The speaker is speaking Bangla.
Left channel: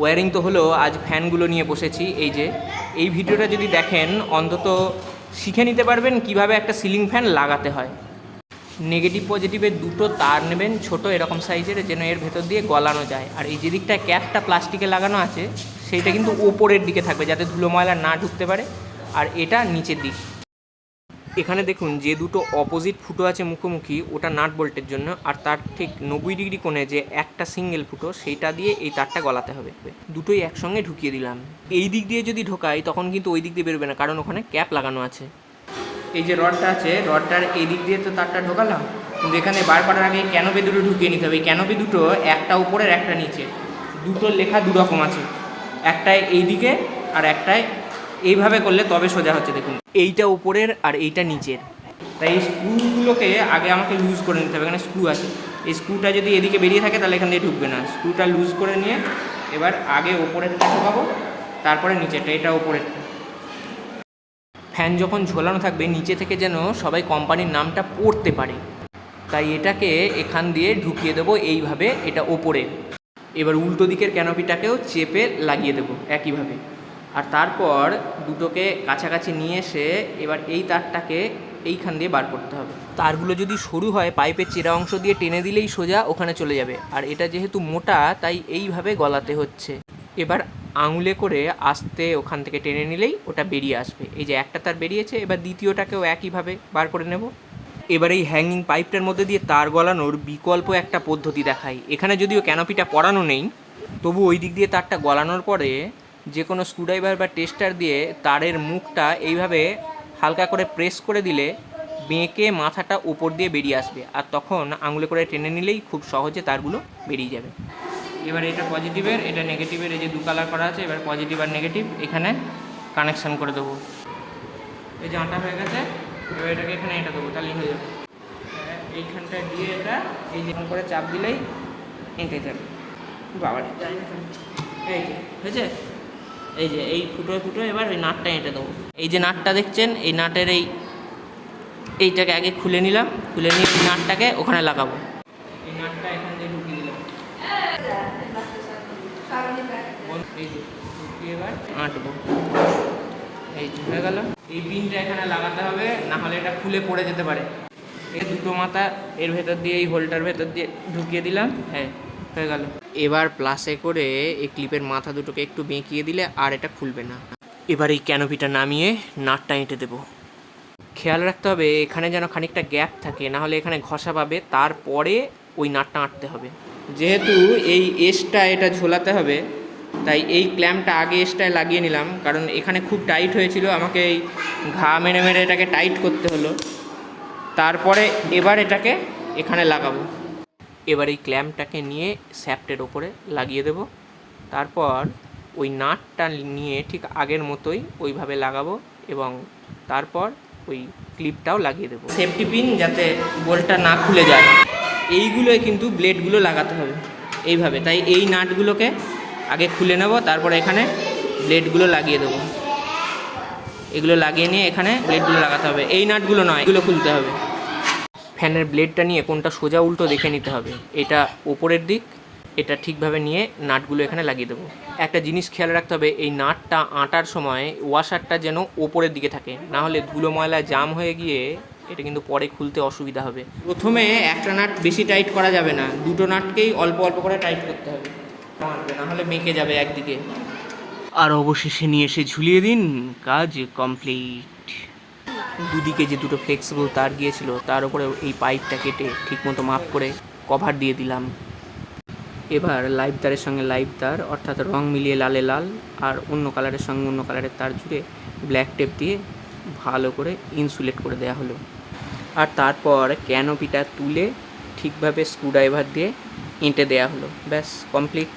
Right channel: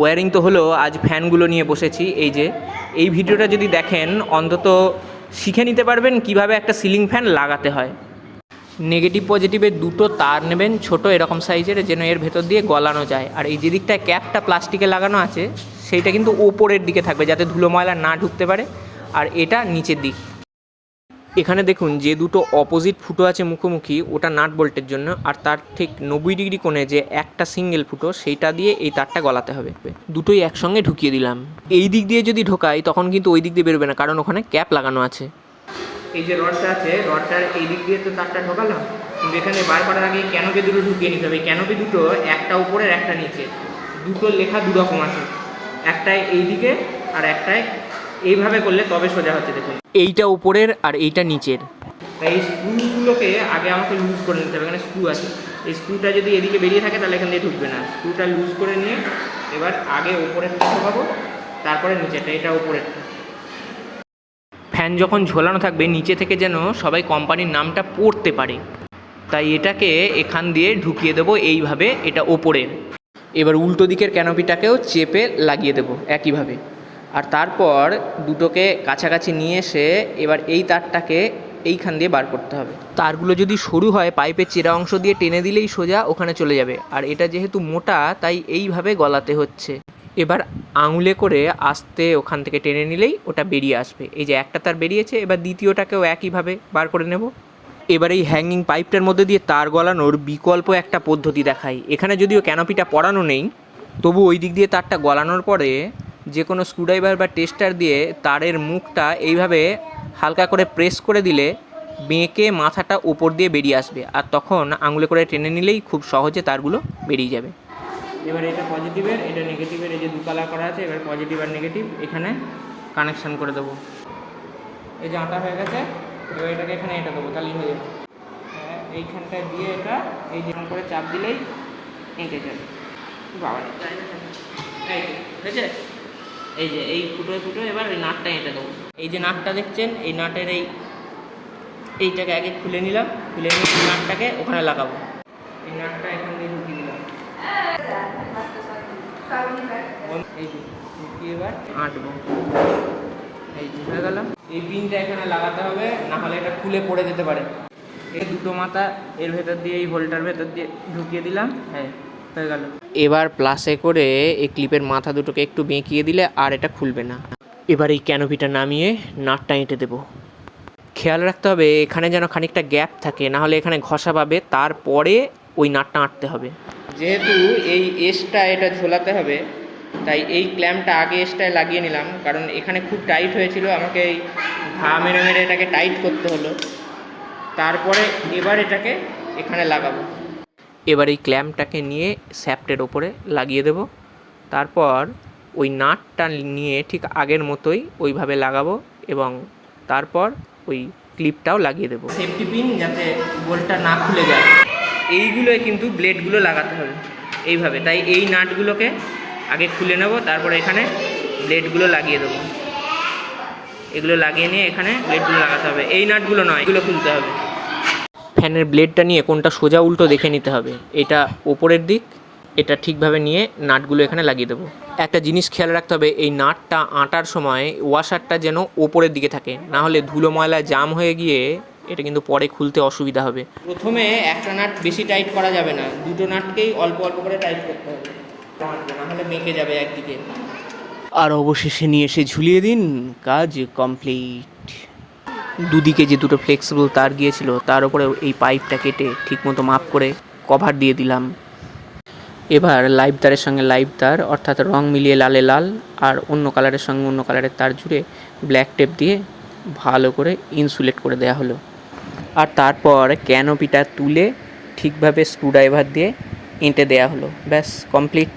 ওয়ারিং তো হলো, আজ ফ্যানগুলো নিয়ে বসেছি, এই যে। এই ভিডিওটা যদি দেখেন, অন্তত শিখে নিতে পারবেন কীভাবে একটা সিলিং ফ্যান লাগাতে হয়। নেগেটিভ পজিটিভের দুটো তার নেবেন, ছোট এরকম সাইজের, যেন এর ভেতর দিয়ে গলানো যায়। আর এই যে দিকটা ক্যাপটা প্লাস্টিকে লাগানো আছে, সেইটা কিন্তু ওপরের দিকে থাকবে, যাতে ধুলো ময়লা না ঢুকতে পারে। আর এটা নিচের দিক। এখানে দেখুন যে দুটো অপোজিট ফুটো আছে মুখোমুখি, ওটা নাট বোল্টের জন্য, আর তার ঠিক নব্বই ডিগ্রি কোণে যে একটা সিঙ্গেল ফুটো, সেইটা দিয়ে এই তারটা গলাতে হবে। দুটোই একসঙ্গে ঢুকিয়ে দিলাম। এই দিক দিয়ে যদি ঢোকাই, তখন কিন্তু ওই দিক দিয়ে বেরোবে না, কারণ ওখানে ক্যাপ লাগানো আছে। এই যে রডটা আছে, রডটার এই দিক দিয়ে তো তারটা ঢোকালাম। কিন্তু এখানে বার করার আগে ক্যানোপি দুটো ঢুকিয়ে নিতে হবে। ক্যানোপি দুটো একটা উপরের, একটা নিচে। দুটো লেখা দু রকম আছে। একটায় এই দিকে আর একটায় এইভাবে করলে তবে সোজা হচ্ছে দেখুন। এইটা উপরের আর এইটা নিচের। তাই এই স্ক্রুগুলোকে আগে আমাকে লুজ করে নিতে হবে এখানে স্ক্রু আছে। এই স্ক্রুটা যদি এদিকে বেরিয়ে থাকে তাহলে এখান দিয়ে ঢুকবে না। স্ক্রুটা লুজ করে নিয়ে এবার আগে ওপরেরটা ঢোকাবো তারপরে নিচেরটা এটা ওপরেরটা। ফ্যান যখন ঝোলানো থাকবে নিচে থেকে যেন সবাই কোম্পানির নামটা পড়তে পারে। তাই এটাকে এখান দিয়ে ঢুকিয়ে দেবো এইভাবে এটা ওপরে। এবার উল্টো দিকের ক্যানোপিটাকেও চেপে লাগিয়ে দেবো একইভাবে। আর তারপর দুটোকে কাছাকাছি নিয়ে এসে এবার এই তারটাকে এইখান দিয়ে বার করতে হবে। তারগুলো যদি সরু হয়, পাইপের চেরা অংশ দিয়ে টেনে দিলেই সোজা ওখানে চলে যাবে। আর এটা যেহেতু মোটা, তাই এইভাবে গলাতে হচ্ছে। এবার আঙুলে করে আস্তে ওখান থেকে টেনে নিলেই ওটা বেরিয়ে আসবে। এই যে একটা তার বেরিয়েছে, এবার দ্বিতীয়টাকেও একইভাবে বার করে নেব। এবার এই হ্যাঙ্গিং পাইপটার মধ্যে দিয়ে তার গলানোর বিকল্প একটা পদ্ধতি দেখাই। এখানে যদিও ক্যানোপিটা পরানো নেই, তবু ওই দিক দিয়ে তারটা গলানোর পরে যে কোনো স্ক্রুড্রাইভার বা টেস্টার দিয়ে তারের মুখটা এইভাবে হালকা করে প্রেস করে দিলে বেঁকে মাথাটা উপর দিয়ে বেরিয়ে আসবে। আর তখন আঙুলে করে টেনে নিলেই খুব সহজে তারগুলো বেরিয়ে যাবে। এবার এটা পজিটিভের এটা নেগেটিভের এই যে দু কালার করা আছে এবার পজিটিভ আর নেগেটিভ এখানে কানেকশান করে দেবো। এই যে আটা হয়ে গেছে এবার এটাকে এখানে এটা দেবো তাহলেই হয়ে যাবে। হ্যাঁ, এইখানটায় দিয়ে এটা এই যেরকম করে চাপ দিলেই এঁকে যাবে। বাবা এই হয়েছে? এই যে, এই ফুটো ফুটো এবার এই নাটটা এঁটে দেবো। এই যে নাটটা দেখছেন, এই নাটের এই, এইটাকে আগে খুলে নিলাম, খুলে নিয়ে এই নাটটাকে ওখানে লাগাবো। এই নাটটা এখান দিয়ে ঢুকিয়ে দিলাম। এই যে, ঢুকিয়ে এবার আঁটবো। এই যে, হয়ে গেল। এই পিনটা এখানে লাগাতে হবে, না হলে এটা খুলে পড়ে যেতে পারে। এই দুটো মাথা এর ভেতর দিয়ে, এই হোলটার ভেতর দিয়ে ঢুকিয়ে দিলাম। হ্যাঁ। হয়ে গেল। এবার প্লাসে করে এই ক্লিপের মাথা দুটোকে একটু বেঁকিয়ে দিলে আর এটা খুলবে না। এবার এই ক্যানোপিটা নামিয়ে নাটটা এঁটে দেবো। খেয়াল রাখতে হবে এখানে যেন খানিকটা গ্যাপ থাকে না হলে এখানে ঘষা পাবে তারপরে ওই নাটটা আঁটতে হবে। যেহেতু এই এসটা এটা ঝোলাতে হবে তাই এই ক্ল্যাম্পটা আগে এসটায় লাগিয়ে নিলাম কারণ এখানে খুব টাইট হয়েছিল আমাকে এই ঘা মেরে মেরে এটাকে টাইট করতে হলো। তারপরে এবার এটাকে এখানে লাগাবো। এবার এই ক্ল্যাম্পটাকে নিয়ে স্যাপটের ওপরে লাগিয়ে দেব। তারপর ওই নাটটা নিয়ে ঠিক আগের মতোই ওইভাবে লাগাবো এবং তারপর ওই ক্লিপটাও লাগিয়ে দেবো। সেফটি পিন যাতে বোল্টটা না খুলে যায়। এইগুলোই কিন্তু ব্লেডগুলো লাগাতে হবে এইভাবে। তাই এই নাটগুলোকে আগে খুলে নেব, তারপর এখানে ব্লেডগুলো লাগিয়ে দেবো। এগুলো লাগিয়ে নিয়ে এখানে ব্লেডগুলো লাগাতে হবে। এই নাটগুলো নয়, এগুলো খুলতে হবে। ফ্যানের ব্লেডটা নিয়ে কোনটা সোজা উল্টো দেখে নিতে হবে। এটা ওপরের দিক এটা ঠিকভাবে নিয়ে নাটগুলো এখানে লাগিয়ে দেবো। একটা জিনিস খেয়াল রাখতে হবে এই নাটটা আঁটার সময় ওয়াশারটা যেন ওপরের দিকে থাকে না হলে ধুলো ময়লা জাম হয়ে গিয়ে এটা কিন্তু পরে খুলতে অসুবিধা হবে। প্রথমে একটা নাট বেশি টাইট করা যাবে না দুটো নাটকেই অল্প অল্প করে টাইট করতে হবে। না হলে মেকে যাবে একদিকে। আর অবশেষে নিয়ে এসে ঝুলিয়ে দিন কাজ কমপ্লিট। দুদিকে যে দুটো ফ্লেক্সিবল তার গিয়েছিল, তার উপরে এই পাইপটা কেটে ঠিকমতো মাপ করে কভার দিয়ে দিলাম। এবার লাইভ তারের সঙ্গে লাইভ তার, অর্থাৎ রং মিলিয়ে লালে লাল, আর অন্য কালারের সঙ্গে অন্য কালারের তার জুড়ে ব্ল্যাক টেপ দিয়ে ভালো করে ইনসুলেট করে দেওয়া হলো। আর তারপর ক্যানোপিটা তুলে ঠিকভাবে স্ক্রুড্রাইভার দিয়ে এঁটে দেওয়া হলো। ব্যাস কমপ্লিট